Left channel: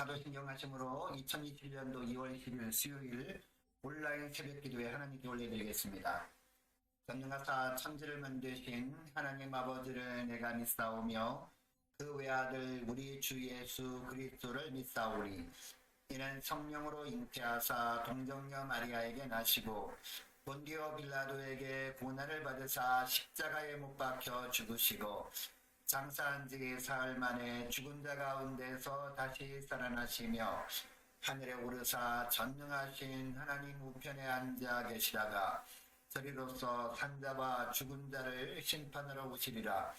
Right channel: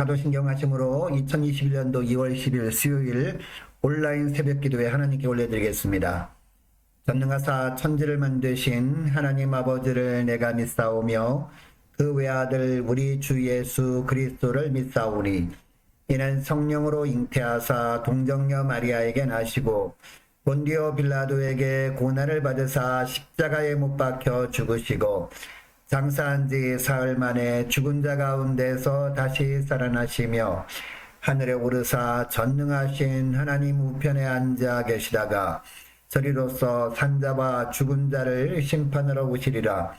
사도신경 하심으로 2021년도 2월 10일 수요일 온라인 새벽기도에 하나님께 올려드리겠습니다. 전능하사 천지를 만드신 하나님 아버지를 내가 믿사오며 그 외아들 우리 주 예수 그리스도를 믿사오니 이는 성령으로 잉태하사 동정녀 마리아에게 나시고 본디오 빌라도에게 고난을 받으사 십자가에 못 박혀 죽으시고 장사한 지 사흘 만에 죽은 자 가운데서 다시 살아나시며 하늘에 오르사 전능하신 하나님 우편에 앉아 계시다가 저리로서 산자와 죽은 자를 심판하러 오시리라.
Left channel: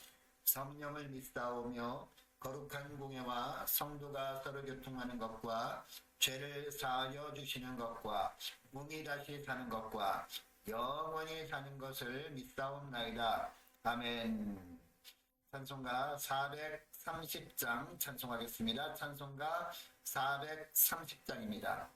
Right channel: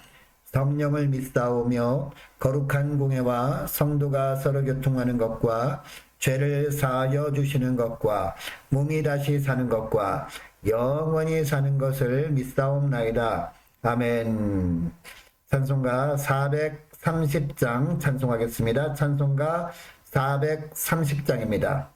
성령을 믿사오며 거룩한 공회와 성도가 서로 교통하는 것과 죄를 사하여 주시는 것과 몸이 다시 사는 것과 영원히 사는 것을 믿사옵나이다. 아멘. 찬송가 430장 찬송하겠습니다. 찬송가 430장입니다.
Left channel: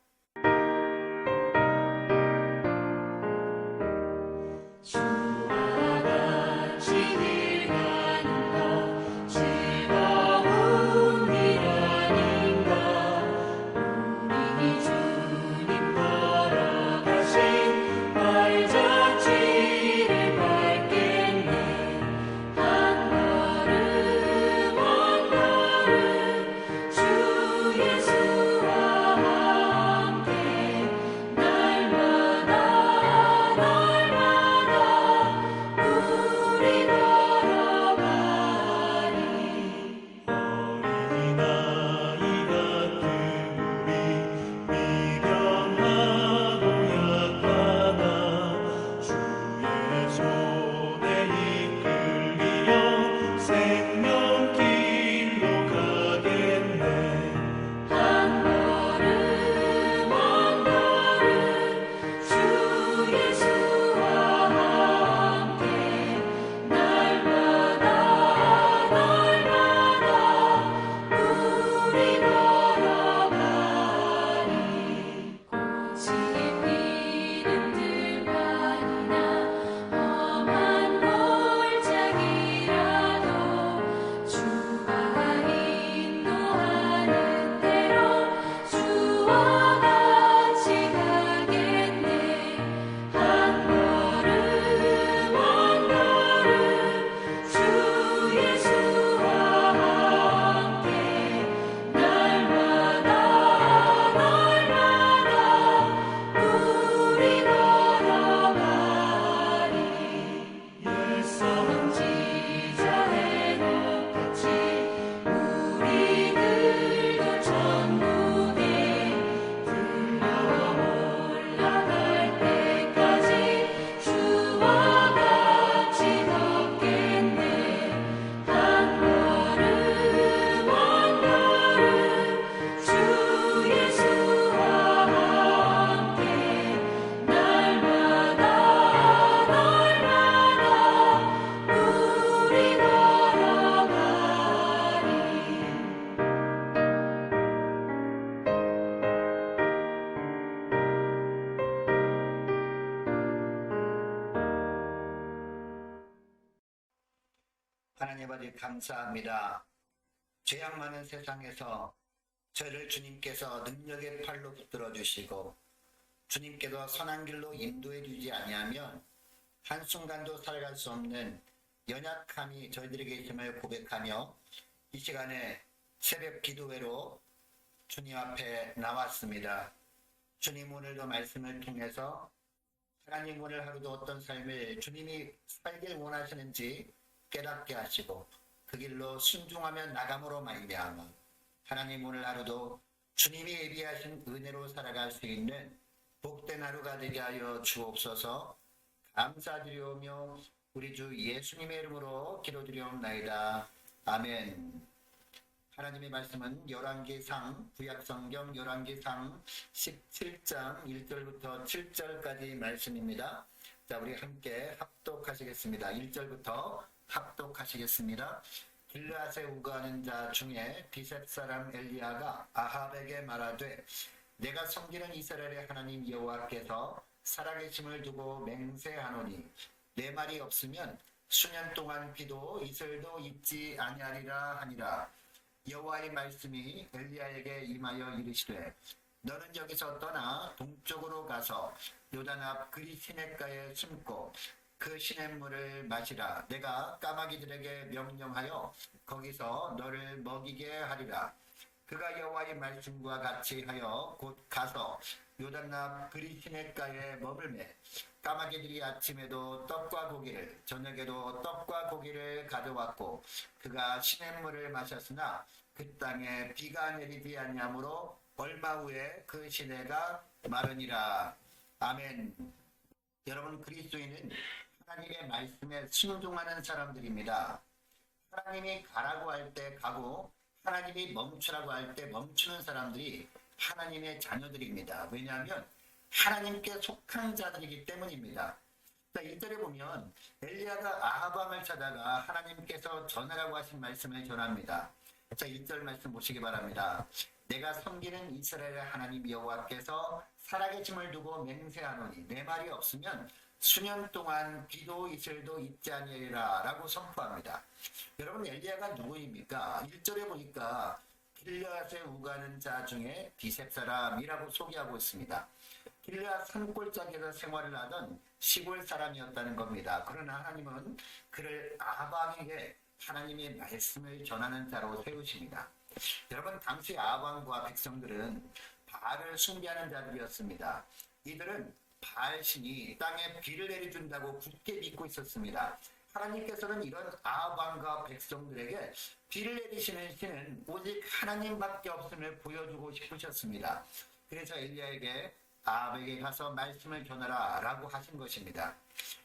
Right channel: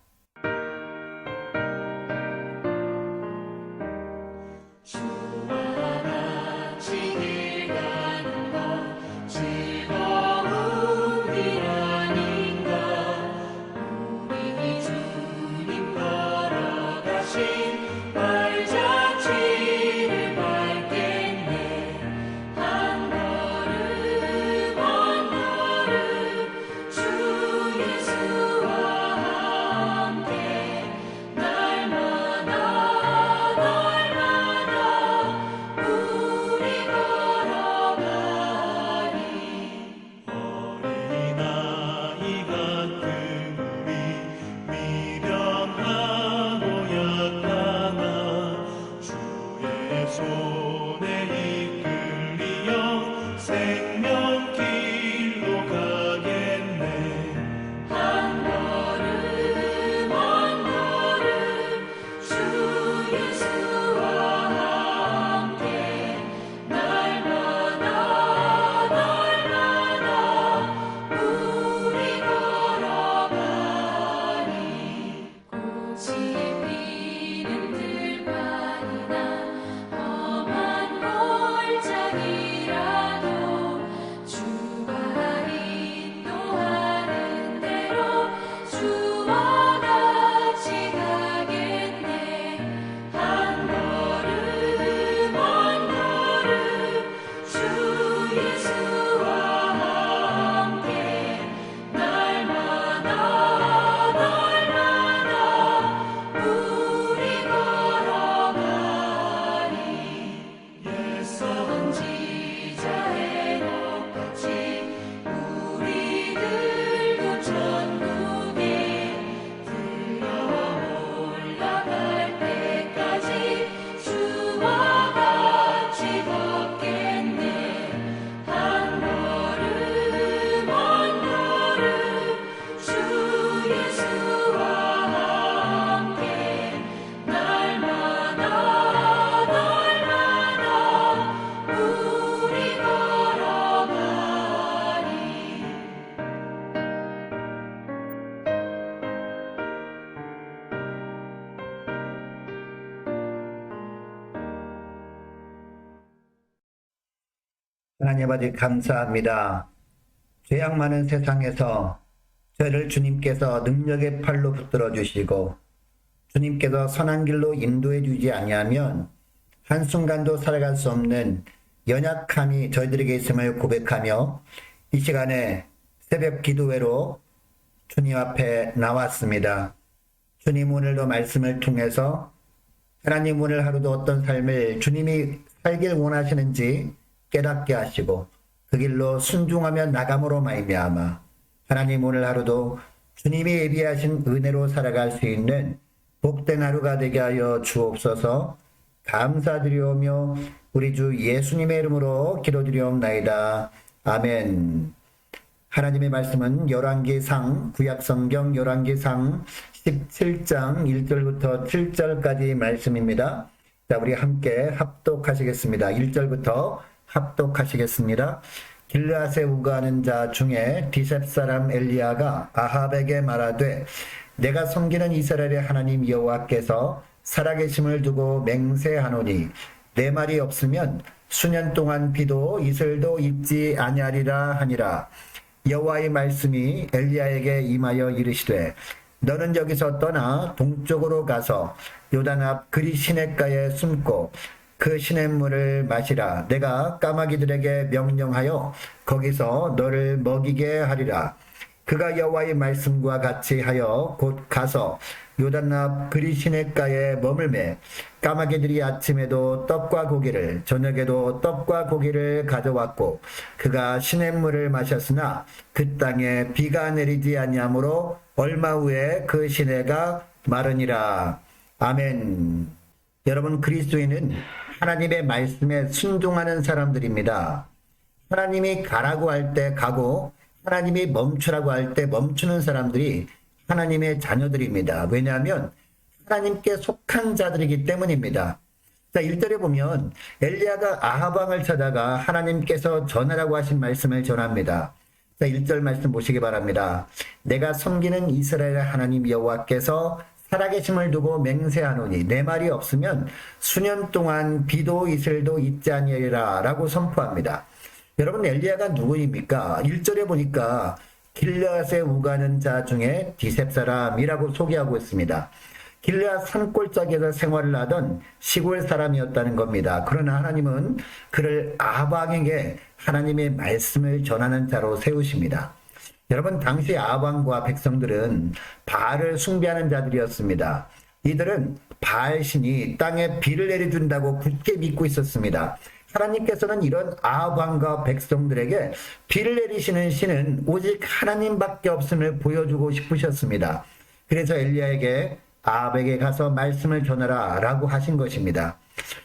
하나님 아버지 감사합니다. 죄악 많은 세상에서 저를 주님께서 능력의 팔로 붙들어 주시고 주님께서 선한 길로 인도해 주지 아니하면 한순간도 살아갈 수 없는 연약함이 저희들에게 있음을 고백하며 이 시간에 새벽 기도회로 주님 앞에 나왔습니다. 주님 오늘도 말씀을 통해서 하나님 오늘 하루도 어떤 삶을 주님이 살길 원하시는지 깨닫게 하시고 그 길로 순종하며 나감으로 말미암아 하나님 오늘 하루도 주님이 예비하신 은혜로 살아갈 수 있는 복된 하루가 되게 하여 주옵소서. 감사드리오며 우리 주 예수님의 이름으로 기도드리옵나이다. 아멘. 하나님의 말씀은 열왕기상 구약성경 열왕기상 17장 1절부터 7절까지 말씀입니다. 자, 우리 함께 합독하시겠습니다. 1절부터 합독하시겠습니다. 길르앗에 우거하는 자 중에 디셉 사람 엘리야가 아합에게 말하되 내가 섬기는 이스라엘의 하나님 여호와께서 살아계심을 두고 맹세하노니 내 말이 없으면 수년 동안 비도 이슬도 있지 아니하리라 하니라. 여호와의 말씀이 엘리야에게 임하여 이르시되 너는 여기서 떠나 동쪽으로 가서 요단 앞 그리 시냇가에 숨고 그 시냇물을 마시라. 내가 까마귀들에게 명령하여 거기서 너를 먹이게 하리라. 그가 여호와의 말씀과 같이 하여 곧 가서 요단 앞 그리 시냇가에 머물매 까마귀들이 아침에도 떡과 고기를 저녁에도 떡과 고기를 가져왔고 그가 시냇물을 마셨으나 그 땅에 비가 내리지 아니하므로 얼마 후에 그 시내가 마르니라. 아멘. 여러분, 그리스도인은 하나님의 말씀에 순종하는 사람들입니다. 하나님이 가라고 할 때 가고 하나님이 멈추라고 할 때 멈추는 사람들이 하나님의 자녀들입니다. 왜냐하면 하나님께 속한 자들이기 때문입니다. 자, 1절에 보면 엘리야가 아합 왕을 찾아가 하나님께서 전하라고 하신 말씀을 전합니다. 자, 1절 말씀 보시기 바랍니다. 내가 섬기는 이스라엘의 하나님 여호와께서 살아계심을 두고 맹세하노니 내 말이 없으면 수년 동안 비도 이슬도 있지 아니하리라 라고 선포합니다. 여러분, 엘리야가 누구입니까? 1절에 보니까 길르앗에 우가는 자 중에 디셉 사람이라고 소개하고 있습니다. 길르앗 산골짜기에서 생활을 하던 시골 사람이었다는 겁니다. 그러나 하나님은 그를 아합 왕에게 하나님의 말씀을 전하는 자로 세우십니다. 여러분, 당시 아합 왕과 백성들은 바알을 숭배하는 자들이었습니다. 이들은 바알 신이 땅에 비를 내려준다고 굳게 믿고 있었습니다. 하나님께서는 이런 아합 왕과 백성들에게 비를 내리시는 신은 오직 하나님밖에 없음을 보여주고 싶으셨습니다. 그래서 엘리야에게 아합에게 가서 말씀을 전하라 라고 하신 것입니다.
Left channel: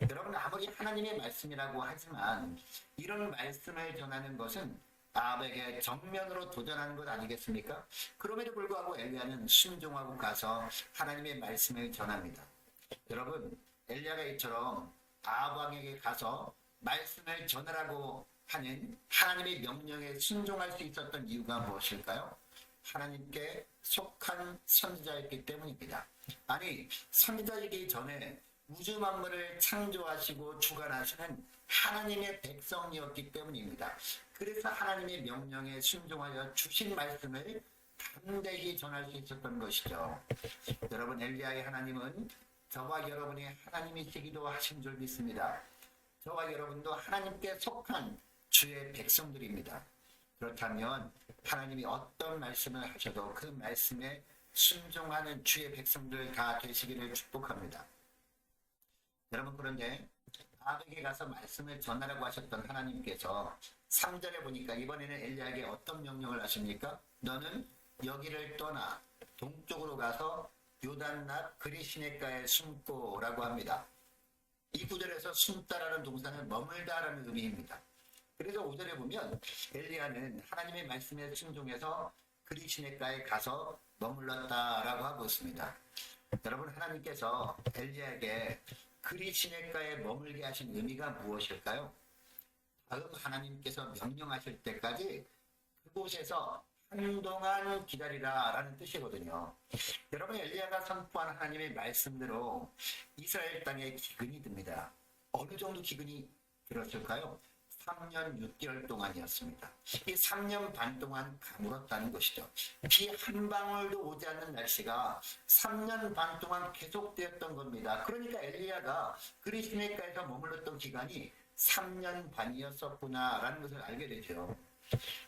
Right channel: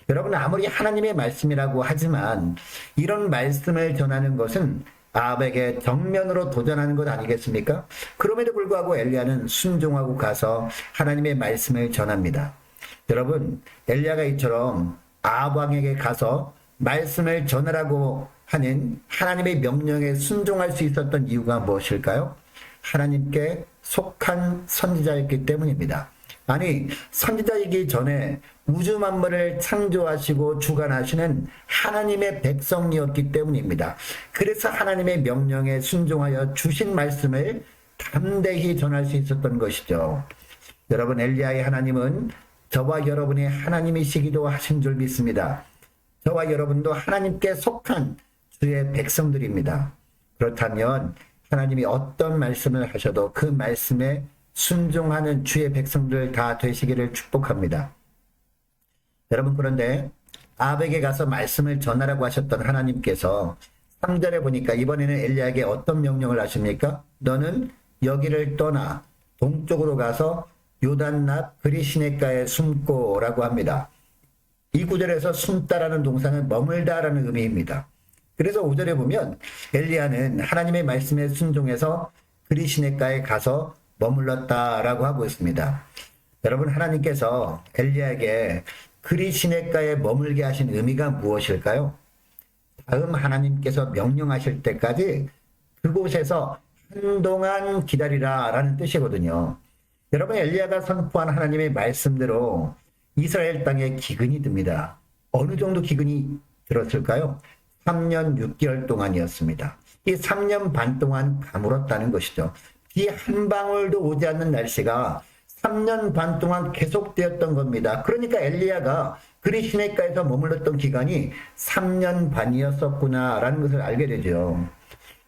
여러분, 아무리 하나님의 말씀이라고 하지만 이런 말씀을 전하는 것은 아합에게 정면으로 도전하는 것 아니겠습니까? 그럼에도 불구하고 엘리야는 순종하고 가서 하나님의 말씀을 전합니다. 여러분, 엘리야가 이처럼 아합 왕에게 가서 말씀을 전하라고 하는 하나님의 명령에 순종할 수 있었던 이유가 무엇일까요? 하나님께 속한 선지자였기 때문입니다. 아니, 선지자이기 전에 우주 만물을 창조하시고 주관하시는 하나님의 백성이었기 때문입니다. 그래서 하나님의 명령에 순종하여 주신 말씀을 담대히 전할 수 있었던 것이죠. 여러분, 엘리야의 하나님은 저와 여러분의 하나님이시기도 하신 줄 믿습니다. 저와 여러분도 하나님께 속한 주의 백성들입니다. 그렇다면 하나님이 어떤 말씀을 하셔도 그 말씀에 순종하는 주의 백성들 다 되시기를 축복합니다. 여러분, 그런데 아합에게 가서 말씀을 전하라고 하셨던 하나님께서 3절에 보니까 이번에는 엘리야에게 어떤 명령을 하십니까? 너는 여기를 떠나 동쪽으로 가서 요단 앞 그리 시냇가에 숨고 라고 합니다. 이 구절에서 숨다라는 동사는 머물다라는 의미입니다. 그래서 5절에 보면 엘리야는 하나님의 말씀에 순종해서 그리 시냇가에 가서 머물렀다라고 하고 있습니다. 여러분, 하나님께서 엘리야에게 그리 시냇가에 머물게 하신 의미가 무엇일까요? 다음 하나님께서 명령하실 때까지 그곳에서 한동안 기다리라 라는 뜻이거든요. 여러분, 엘리야가 선포한 하나님의 말씀대로 이스라엘 땅에 기근이 듭니다. 어느 정도 기근이 들었을까요? 3년 6개월 동안이었습니다. 이 3년 반 동안 가물었다는 것이죠. 비 한 방울도 오지 않는 날씨가 3년 반 동안 계속되었던 겁니다. 그러니까 엘리야가 그리 시냇가에서 머물렀던 기간이 3년 반이었었구나라는 것을 알게 되죠.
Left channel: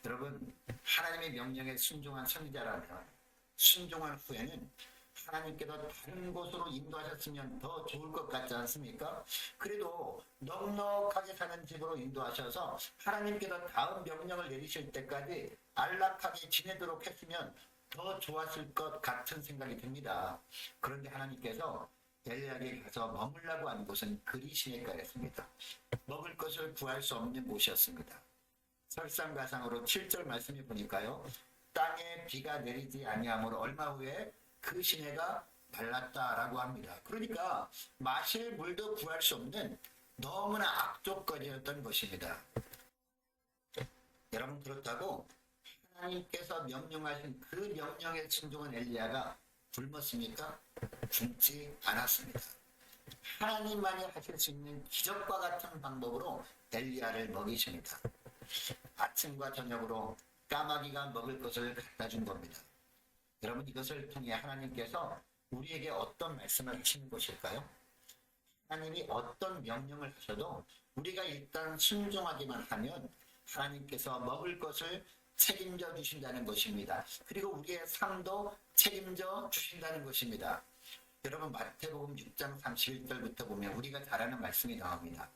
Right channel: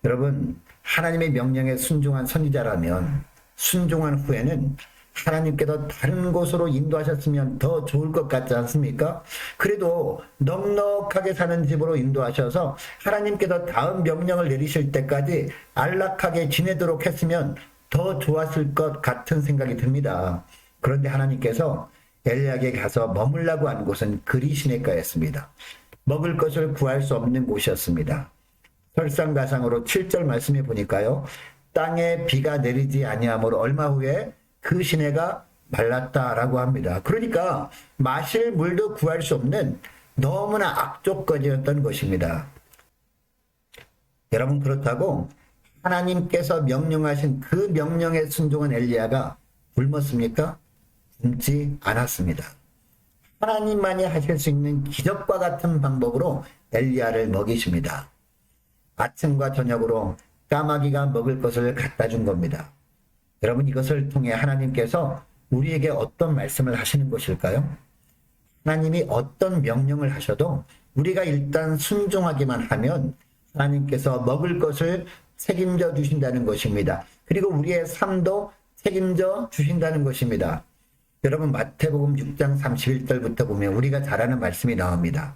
여러분, 하나님의 명령에 순종한 선지자라면 순종한 후에는 하나님께서 다른 곳으로 인도하셨으면 더 좋을 것 같지 않습니까? 그래도 넉넉하게 사는 집으로 인도하셔서 하나님께서 다음 명령을 내리실 때까지 안락하게 지내도록 했으면 더 좋았을 것 같은 생각이 듭니다. 그런데 하나님께서 엘리야에게 가서 머물라고 한 곳은 그리 시냇가였습니다. 먹을 것을 구할 수 없는 곳이었습니다. 설상가상으로 7절 말씀해 보니까요, 땅에 비가 내리지 아니하므로 얼마 후에 그 시내가 말랐다라고 합니다. 그러니까 마실 물도 구할 수 없는 너무나 악조건이었던 것입니다. 여러분, 그렇다고 하나님께서 명령하신 그 명령에 순종한 엘리야가 굶었습니까? 굶지 않았습니다. 하나님만이 하실 수 있는 기적과 같은 방법으로 엘리야를 먹이십니다. 아침과 저녁으로 까마귀가 먹을 것을 갖다 준 겁니다. 여러분, 이것을 통해 하나님께서 우리에게 어떤 말씀을 하시는 것일까요? 하나님이 어떤 명령을 하셔도 우리가 일단 순종하기만 하면 하나님께서 먹을 것을 책임져 주신다는 것입니다. 그리고 우리의 삶도 책임져 주신다는 것입니다. 여러분, 마태복음 6장 31절부터 보면 우리가 잘 아는 말씀이 나옵니다.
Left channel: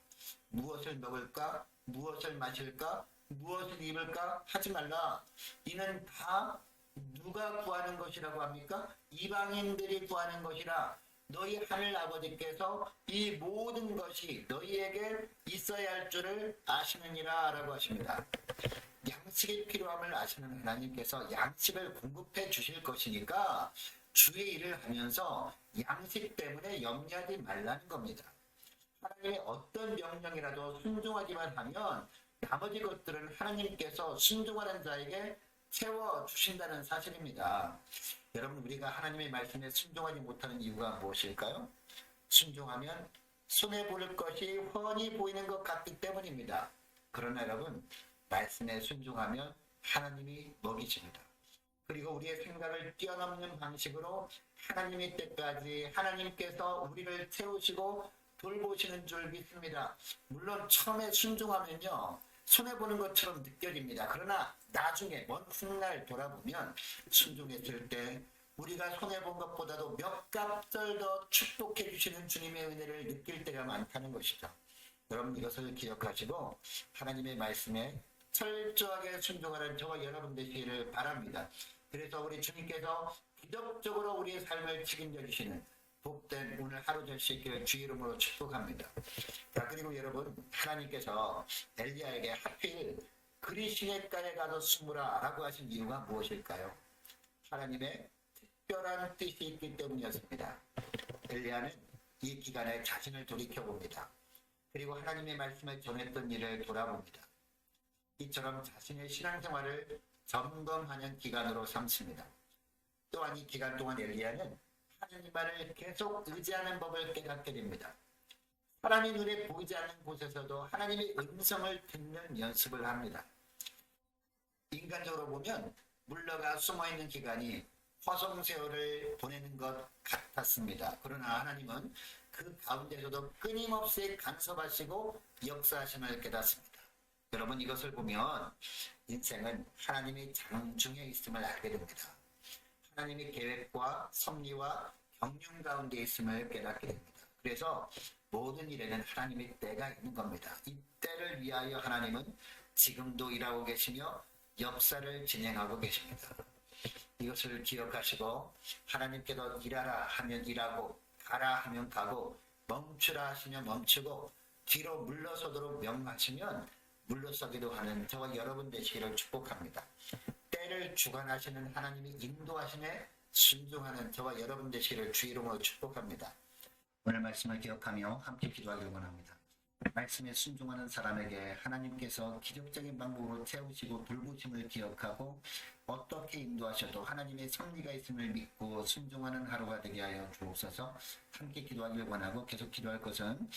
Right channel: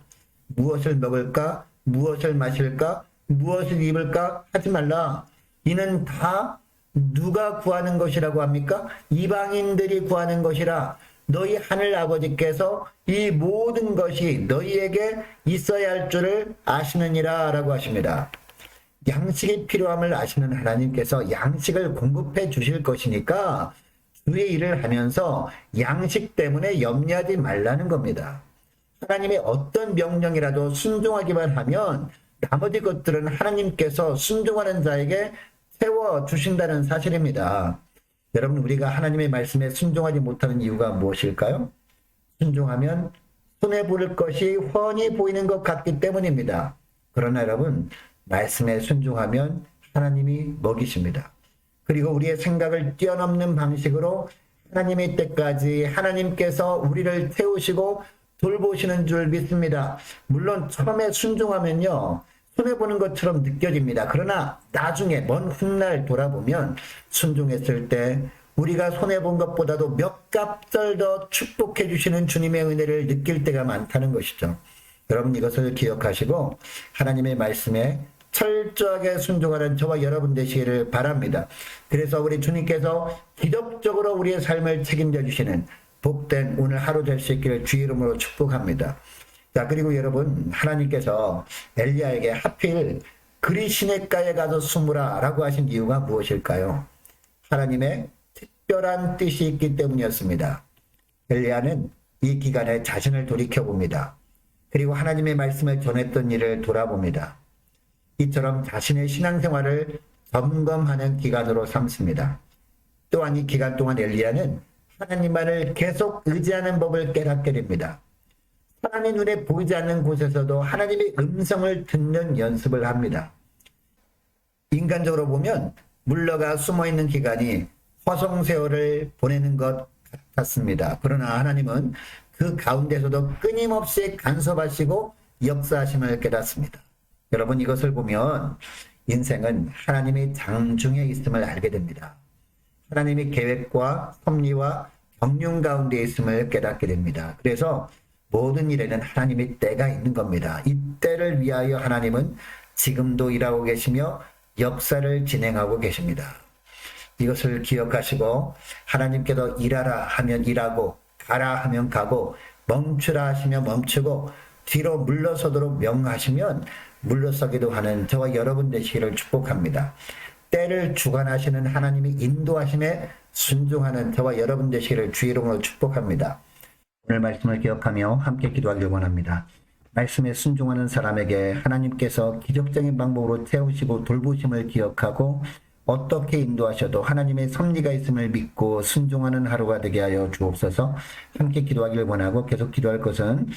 무엇을 먹을까? 무엇을 마실까? 무엇을 입을까? 하지 말라. 이는 다 누가 구하는 것이라고 합니까? 이방인들이 구하는 것이라. 너희 하늘 아버지께서 이 모든 것이 너희에게 있어야 할 줄을 아시느니라 라고 하십니다. 양식이 필요함을 아시는 하나님께서 양식을 공급해 주실 것이니까 주의 일을 하면서 양식 때문에 염려하지 말라는 겁니다. 하나님의 어떤 명령이라도 순종하기만 하면 나머지 것들은 하나님께서 순종하는 자에게 채워주신다는 사실입니다. 여러분, 우리가 하나님의 말씀에 순종하지 못하는 이유가 무엇일까요? 순종하면 손해볼 것이 훤히 보이는 것 같기 때문입니다. 그러나 여러분, 말씀에 순종하면 하나님이 먹이십니다. 그리고 우리의 생각을 뛰어넘는 방식으로 하나님의 때까지 하나님께서 우리를 태우시고 돌보시는 줄 믿습니다. 물론 처음에 순종하면요, 손해보는 것처럼 느껴집니다. 그러나 나중에 먼 훗날 돌아보면 순종했을 때 우리가 손해본 것보다도 몇 값절 더 축복해 주시는 주님의 은혜를 느낄 때가 많다는 것이죠. 여러분, 이것을 기억하시고 하나님의 말씀에 철저하게 순종하는 저와 여러분 되시기를 바랍니다. 그래서 우리 주님께서 기적적으로 우리의 삶을 책임져 주시는 복된 오늘 하루 될 수 있기를 주의 이름으로 축복합니다. 자, 그리고 여러분, 하나님께서 엘리야에게 하필 그리 시냇가에 가서 숨으라 라고 하신 이유가 무엇일까요? 하나님의 특별한 뜻이 있기 때문이었습니다. 엘리야는 이 기간에 자신을 돌이켜봅니다. 그리고 하나님의 말씀을 전했던 일을 돌아봅니다. 이처럼 자신의 신앙생활을 점검하는 기간으로 삼습니다. 또한 이 기간 동안 엘리야는 하나님만을 계속 의지하는 법을 깨닫게 됩니다. 사람의 눈에 보이지 않는 곳에서도 하나님의 음성을 듣는 연습을 합니다. 인간적으로 보면 물러가 숨어있는 기간이 허송세월을 보내는 것 같았습니다. 그러나 하나님은 그 가운데서도 끊임없이 간섭하시고 역사하심을 깨닫습니다. 여러분, 이것을 보면 인생은 하나님의 장중에 있음을 알게 됩니다. 하나님의 계획과 섭리와 경륜 가운데 있음을 깨닫게 됩니다. 그래서 모든 일에는 하나님의 때가 있는 겁니다. 이 때를 위하여 하나님은 지금도 일하고 계시며 역사를 진행하고 계십니다. 이것을 기억하시고 하나님께서 일하라 하면 일하고 가라 하면 가고 멈추라 하시면 멈추고 뒤로 물러서도록 명하시면 물러서기도 하는 저와 여러분 되시기를 축복합니다. 때를 주관하시는 하나님이 인도하심에 순종하는 저와 여러분 되시기를 주의 이름으로 축복합니다. 오늘 말씀을 기억하며 함께 기도하길 원합니다. 말씀에 순종하는 사람에게 하나님께서 기적적인 방법으로 채우시고 돌보심을 기억하고 어떻게 인도하셔도 하나님의 섭리가 있음을 믿고 순종하는 하루가 되게 하여 주옵소서. 함께 기도하길 원하고 계속 기도할 것은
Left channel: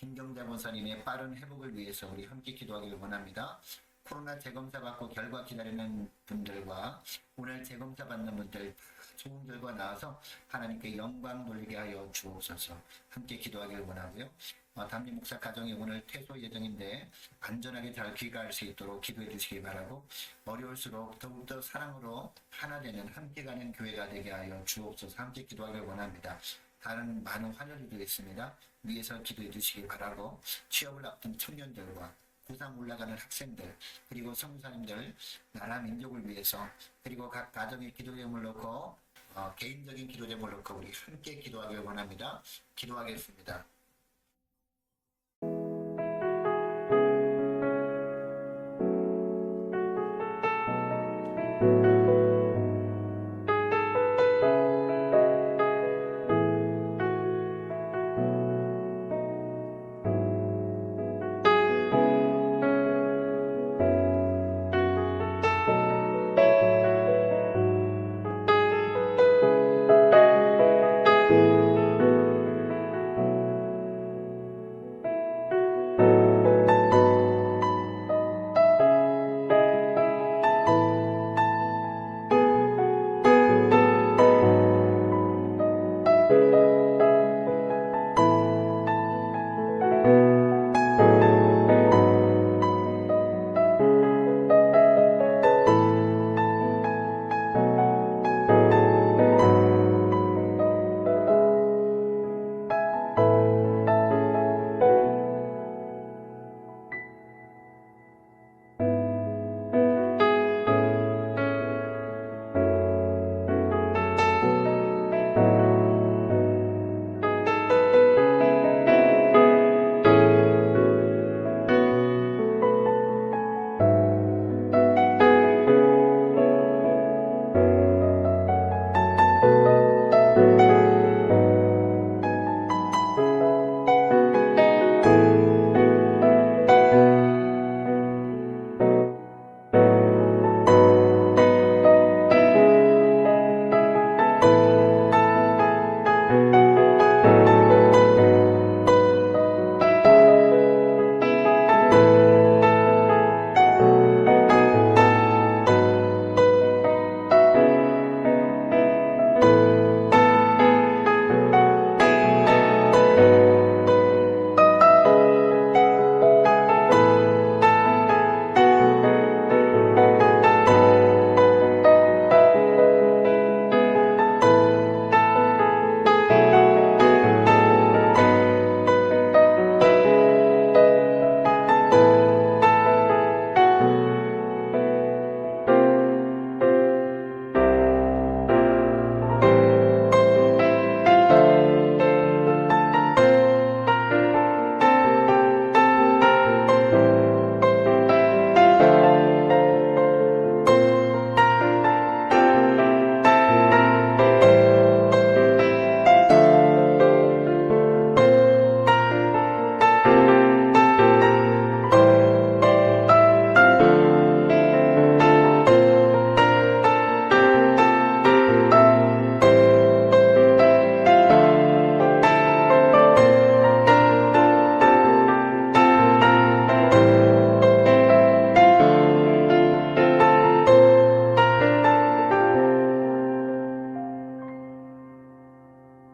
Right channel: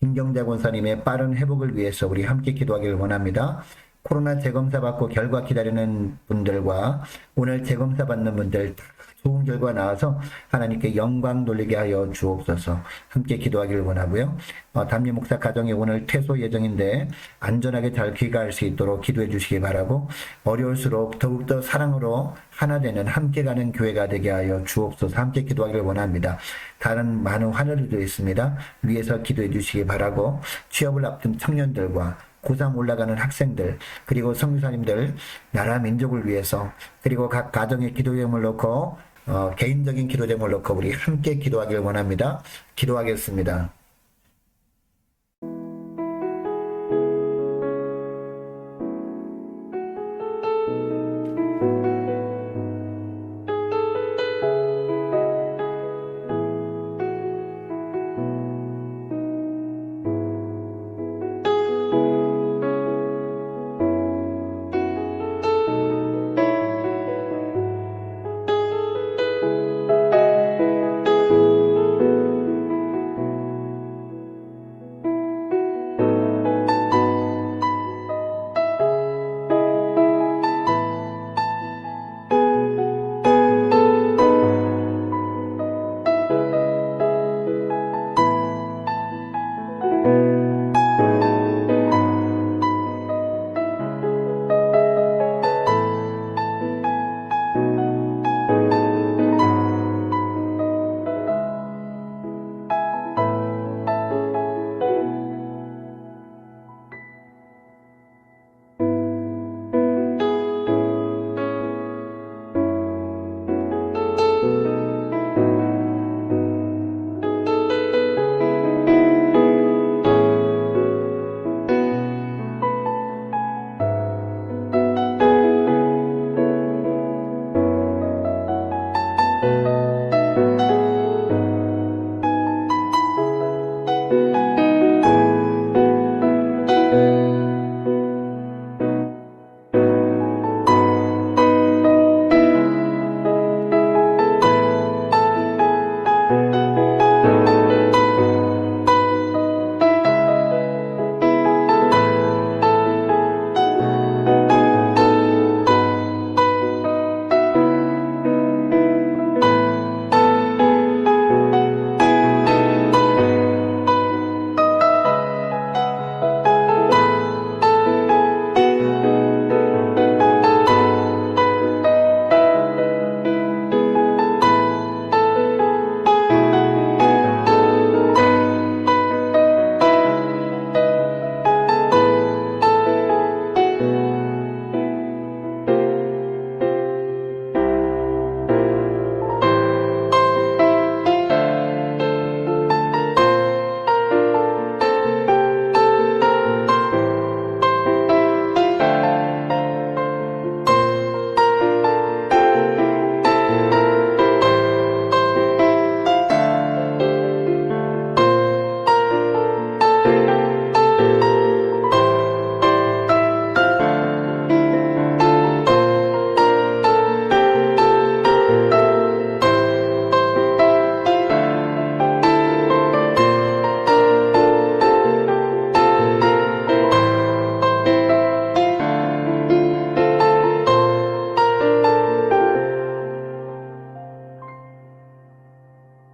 김경자 권사님의 빠른 회복을 위해서 우리 함께 기도하길 원합니다. 코로나 재검사 받고 결과 기다리는 분들과 오늘 재검사 받는 분들 다 좋은 결과 나와서 하나님께 영광 돌리게 하여 주옵소서. 함께 기도하길 원하고요. 담임 목사 가정이 오늘 퇴소 예정인데 안전하게 잘 귀가할 수 있도록 기도해 주시기 바라고, 어려울수록 더욱더 사랑으로 하나 되는 함께 가는 교회가 되게 하여 주옵소서. 함께 기도하길 원합니다. 다른 많은 환우들도 있습니다. 위에서 기도해 주시기 바라고, 취업을 앞둔 청년들과 고3 올라가는 학생들, 그리고 선교사님들, 나라 민족을 위해서, 그리고 각 가정의 기도 제목을 놓고 개인적인 기도 제목을 놓고 우리 함께 기도하길 원합니다. 기도하겠습니다.